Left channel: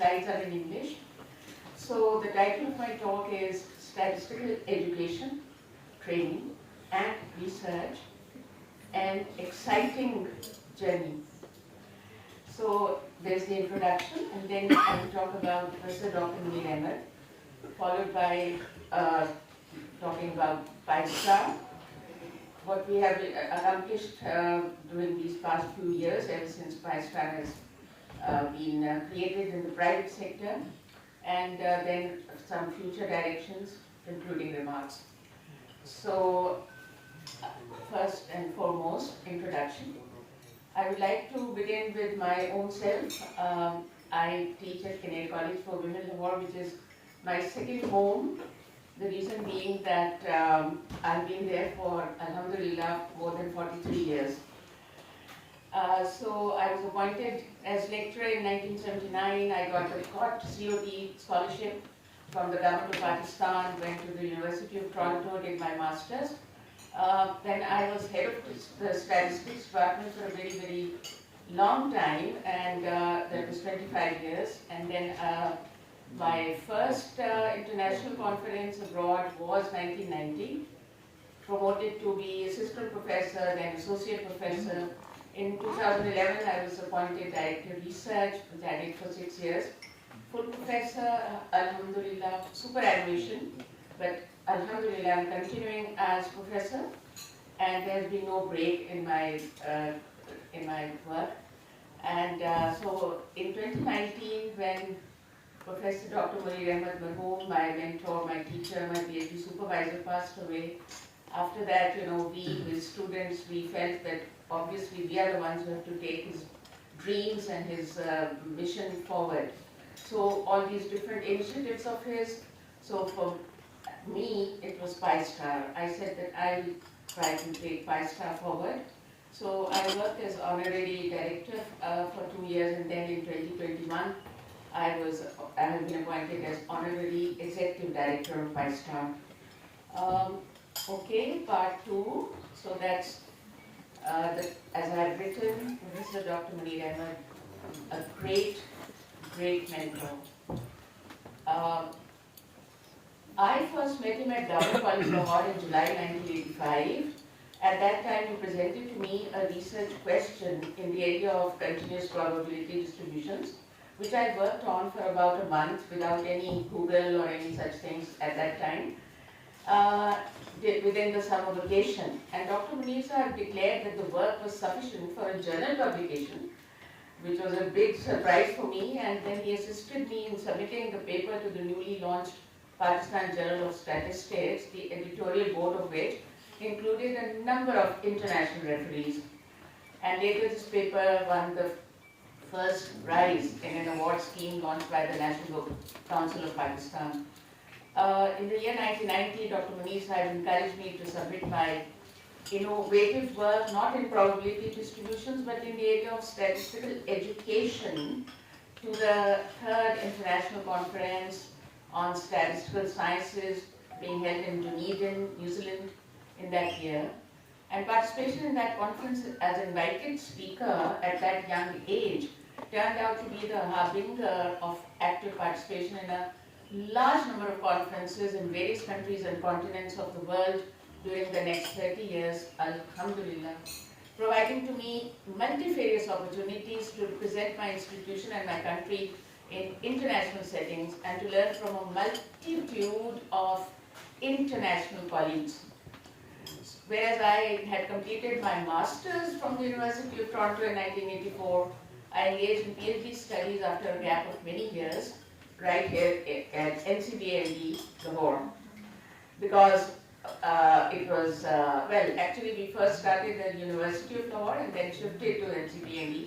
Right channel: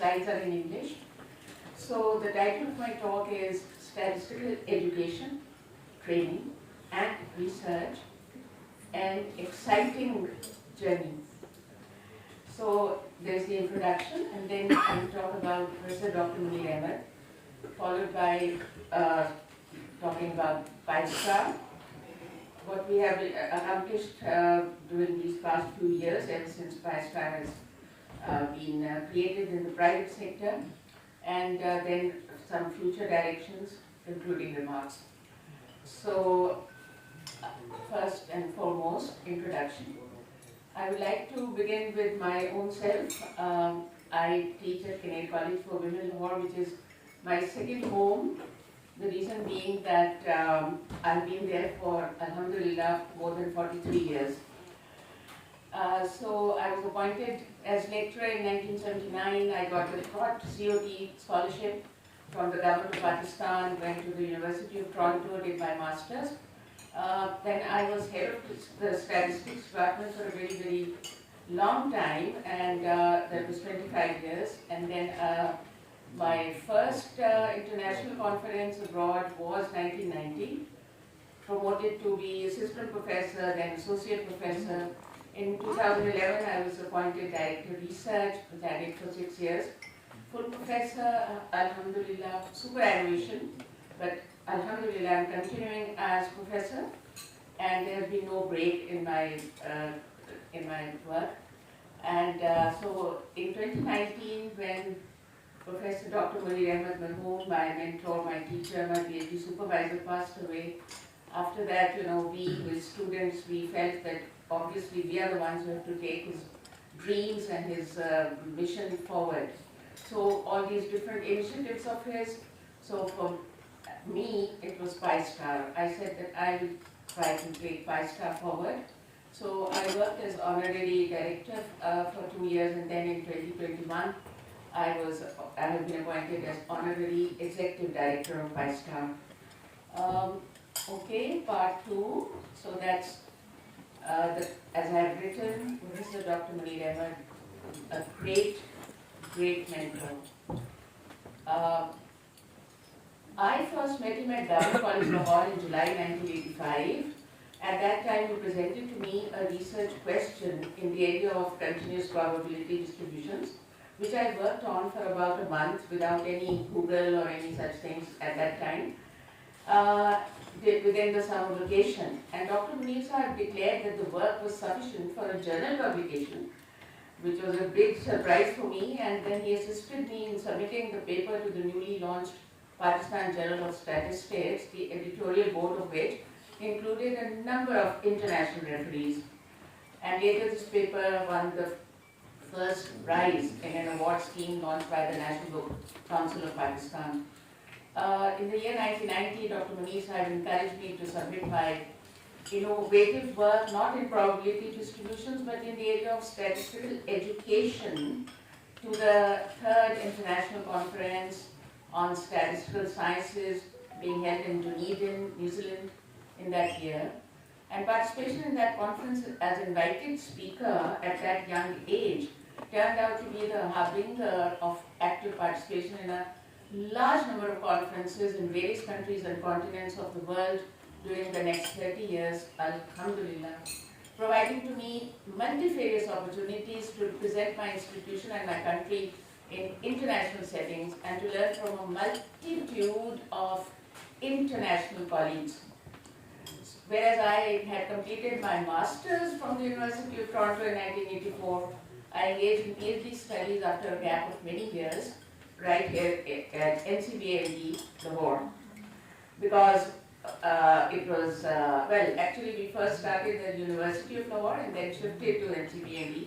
slides are in English. So the title of my talk is Statistical Education, Training and Research, an Exciting Journey. So there's the introduction, and then I will talk about Professor Dr. Munir Ahmed, followed by talking about PISTAR, what we have accomplished during these past few years, ever since PISTAR has been created in the private sector, and then some future directions, including remarks. So, first and foremost, introduction. I would like to begin with my own self. I teach at Kinard College for Women, Lahore, which is my second home. The reason being that I've been there for, alhamdulillah, more than 43 years. So I was appointed as lecturer in 1979. I got a COT scholarship from the government of Pakistan, went to the University of Toronto, did my master's. Then I was head of the statistics department for a very, very long time, and that was 25 years. And then my first international conference abroad was 1990, promoted to be assistant professor, then associate professor. In 2011, I was appointed director of research, which I did for 6 years. Full professor, alhamdulillah, superannuation, but alhamdulillah, I'm continuing as professor, and there's been no break in my work. And so in 2019, when Professor Dr. Munir Ahmed Marhoom, my mentor, my teacher, my PhD supervisor, passed away, after that, we with students, we felt that obviously we are the ones who have to take his dreams and his mission forward. So all these different initiatives of his, so for me, it was PISTAR. I said that I'll try to take PISTAR forward. So I worked as Honorary Director for 2 years, and then in 2021, I have been appointed as Honorary Executive Director of PISTAR. Okay, part 2. So that's, as I have written, Professor Dr. Munir Ahmed, a great mentor. I first met him at Government College Lahore in July 1985. At that time, he presented to me a research question in the area of continuous probability distributions, which I worked on for about a month without any Google or any such things at that time, within the summer vacation. And Dr. Munir Sahib declared that the work was sufficient for a journal publication, which was a big surprise for me, and then he assisted me in submitting the paper to the newly launched Pakistan Journal of Statistics, the editorial board of which included a number of international referees. And later this paper won the first prize in an award scheme launched by the National Book Council of Pakistan. In the year 1990, Dr. Munir Sahib encouraged me to submit my innovative work, not in probability distributions, but in the area of statistical education, to the 3rd International Conference on Statistical Sciences being held in Dunedin, New Zealand in that year. And participation in that conference as invited speaker at that young age turned out to be the harbinger of active participation in a large number of conferences in various countries and continents of the world during the next 30 years, alhamdulillah, providing to me multifarious opportunities to represent my institution and my country in international settings and to learn from a multitude of international colleagues. Whereas I had completed my master's from the University of Toronto in 1984, I engaged in PhD studies after a gap of many years, right here at NCBA Lahore, because it was, actually we first started at the University of Lahore and then shifted to NCBA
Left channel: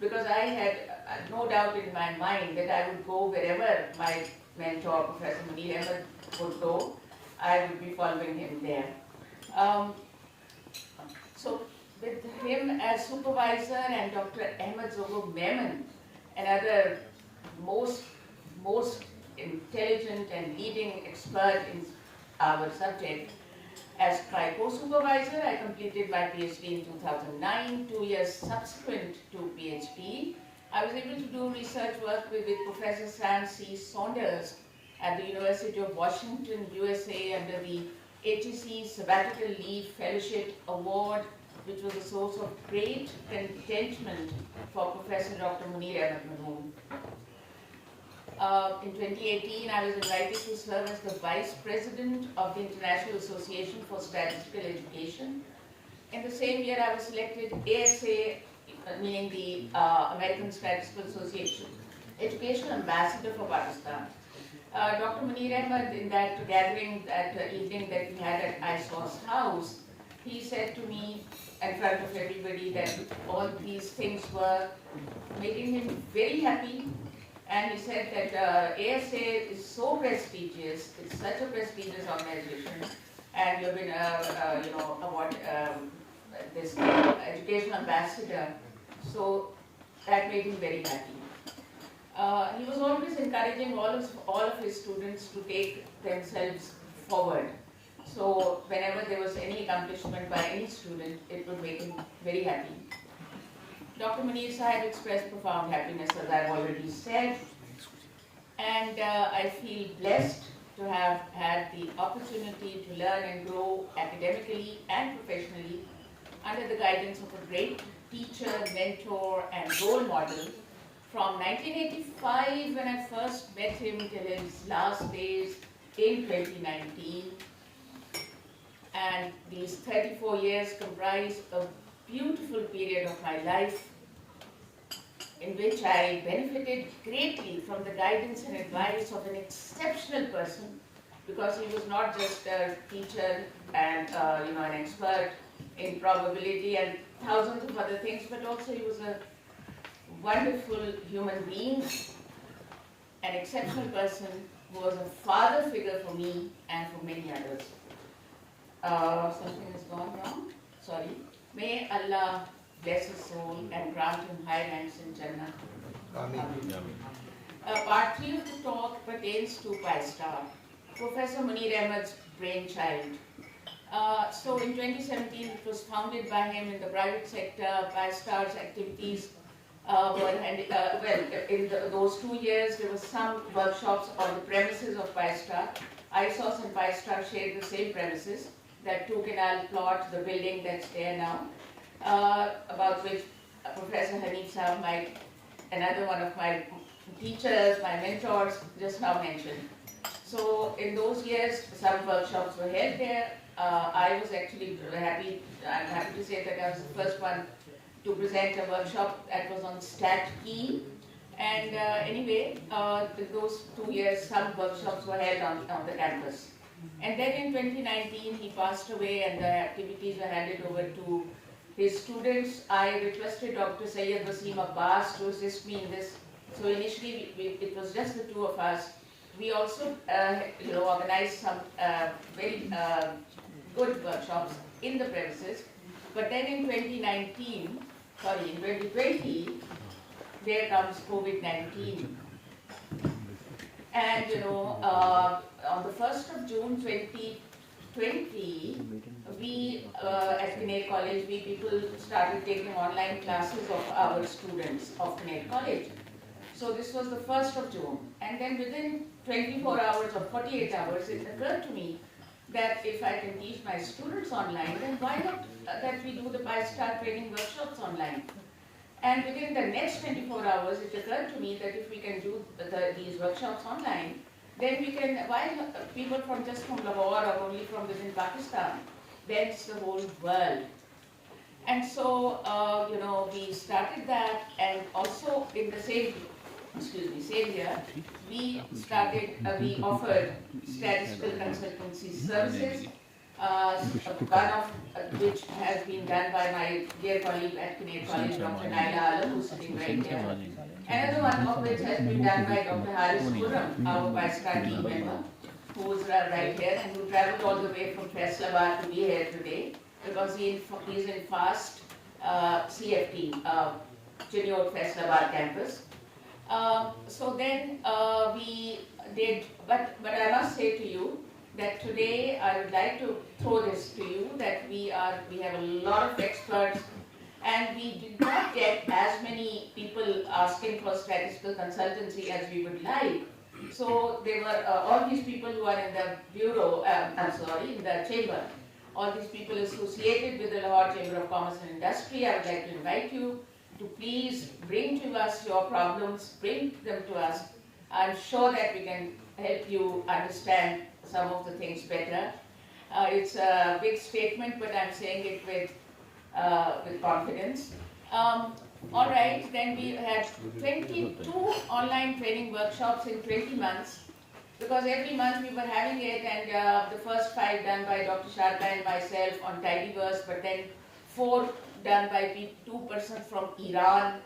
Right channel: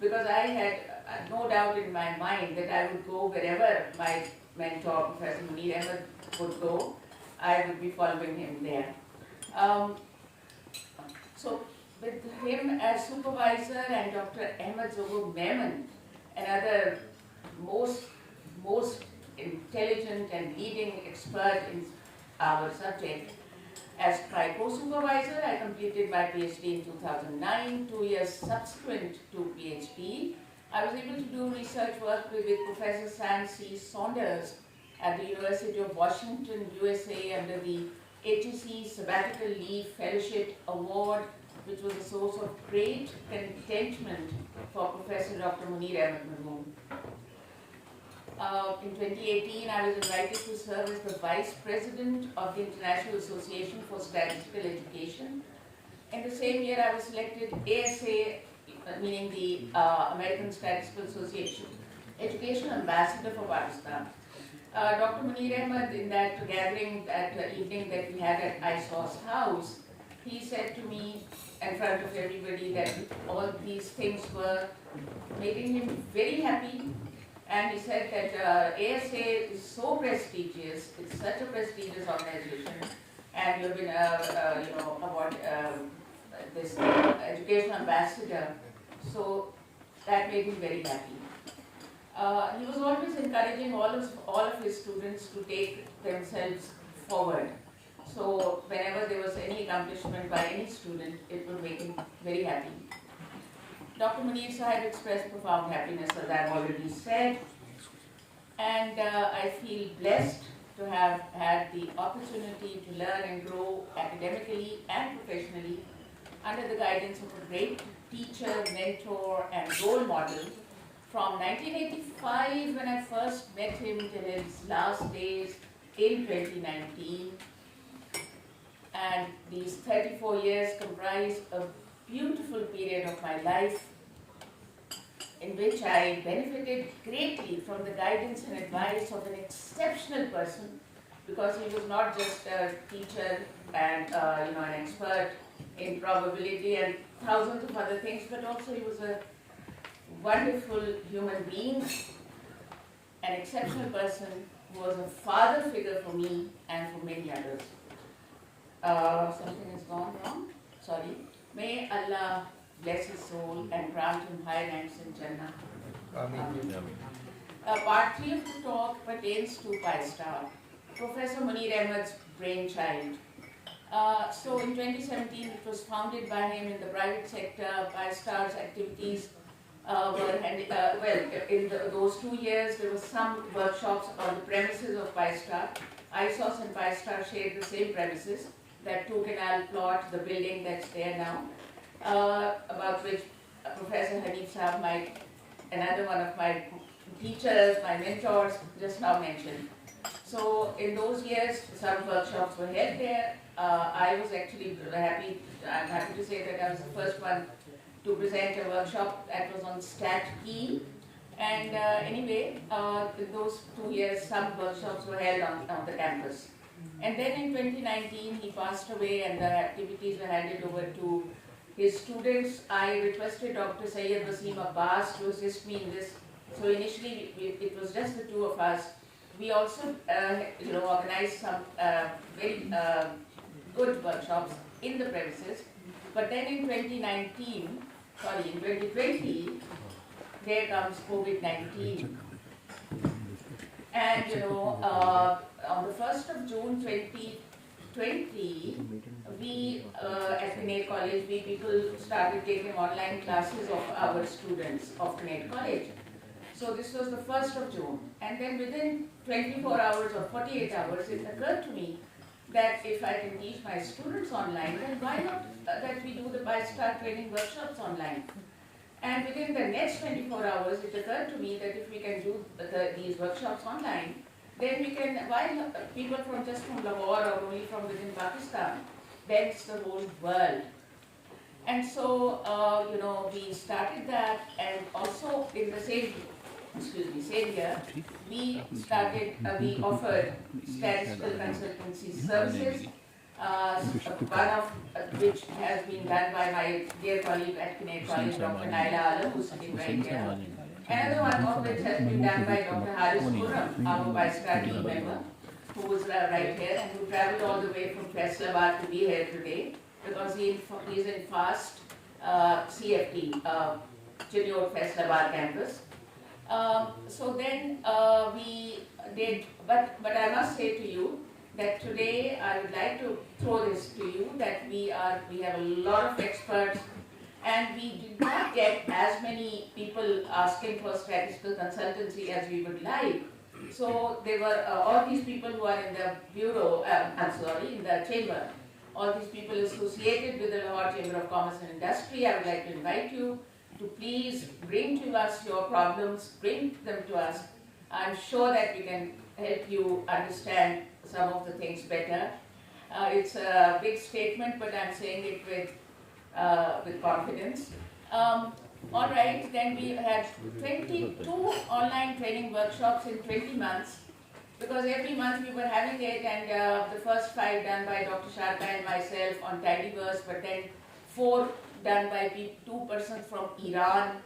because I had no doubt in my mind that I would go wherever my mentor, Professor Munir Ahmed, would go. I would be following him there. So with him as supervisor and Dr. Ahmed Zogo Memon, another most intelligent and leading expert in our subject, as my co-supervisor, I completed my PhD in 2009, 2 years subsequent to PhD, I was able to do research work with Professor Sam C. Saunders at the University of Washington, USA, under the HEC Sabbatical Leave Fellowship Award, which was a source of great contentment for Professor Dr. Munir Ahmed Marmoon. In 2018, I was invited to serve as the Vice President of the International Association for Statistical Education. In the same year, I was selected ASA, meaning the American Statistical Association, Education Ambassador for Pakistan. Dr. Munir Ahmed, in that gathering, that evening that we had at ISOSS House, he said to me in front of everybody that all these things were making him very happy. And he said that ASA is so prestigious, it's such a prestigious organization, and you've been, this educational ambassador, so that made him very happy. He was always encouraging all of his students to take themselves forward. So whenever there was any accomplishment by any student, it would make him very happy. Dr. Munir Sahib expressed profound happiness, as I've already said, and I feel blessed to have had the opportunity to learn and grow academically and professionally under the guidance of a great teacher, mentor, and role model from 1985, when I first met him, till his last days in 2019. And these 34 years comprise a beautiful period of my life in which I benefited greatly from the guidance and advice of an exceptional person, because he was not just a teacher and an expert in probability and thousands of other things, but also he was a wonderful human being, an exceptional person who was a father figure for me and for many others. Something has gone wrong? Sorry. May Allah bless his soul and grant him high ranks in Jannah. Part 3 of the talk pertains to PISTAR, Professor Munir Ahmed's brainchild. So in 2017, it was founded by him in the private sector. PISTAR's activities in those 2 years, there were some workshops on the premises of PISTAR. ISOSS and PISTAR shared the same premises, that 2 Canal plot, the building that's there now, about which Professor Hanif Sahab, another one of my teachers, my mentors, just now mentioned. So in those years, some workshops were held there. I was actually I'm happy to say that I was the first one to present a workshop that was on Stat Key. And anyway, in those 2 years, some workshops were held on the campus. And then in 2019, he passed away and the activities were handed over to his students. I requested Dr. Syed Wasim Abbas to assist me in this. So initially, it was just the 2 of us. We also, organized some very good workshops in the premises. But then in 2020, there comes COVID-19. And, on the 1st of June 2020, we at Kinard College, people started taking online classes of our students of Kinard College. So this was the 1st of June. And then within 24 hours or 48 hours, it occurred to me that if I can teach my students online, then why not that we do the PISTAR training workshops online? And within the next 24 hours, it occurred to me that if we can do these workshops online, then we can, while people from Lahore or only from within Pakistan, then it's the whole world. And so, we started that, and also in the same year, we offered statistical consultancy services, one of which has been done by my dear colleague at Kinard College, Dr. Naila Alam, who's sitting right here. Another one of which has been done by Dr. Haris Khurram, our PISTAR team member, who is right here and who traveled all the way from Faisalabad to be here today, because he is in FAST CFT, Kinard Faisalabad campus. So then we did, but I must say to you that today I would like to throw this to you, that we have a lot of experts and we did not get as many people asking for statistical consultancy as we would like. So they were all these people who are in the bureau, in the chamber, all these people associated with the Lahore Chamber of Commerce and Industry. I would like to invite you to please bring to us your problems, bring them to us. I'm sure that we can help you understand some of the things better. It's a big statement, but I'm saying it with confidence. All right, then we had 22 online training workshops in 20 months, because every month we were having it, and the first 5 done by Dr. Sharda and myself on Tidyverse, but then 4 done by 2 persons from Iran,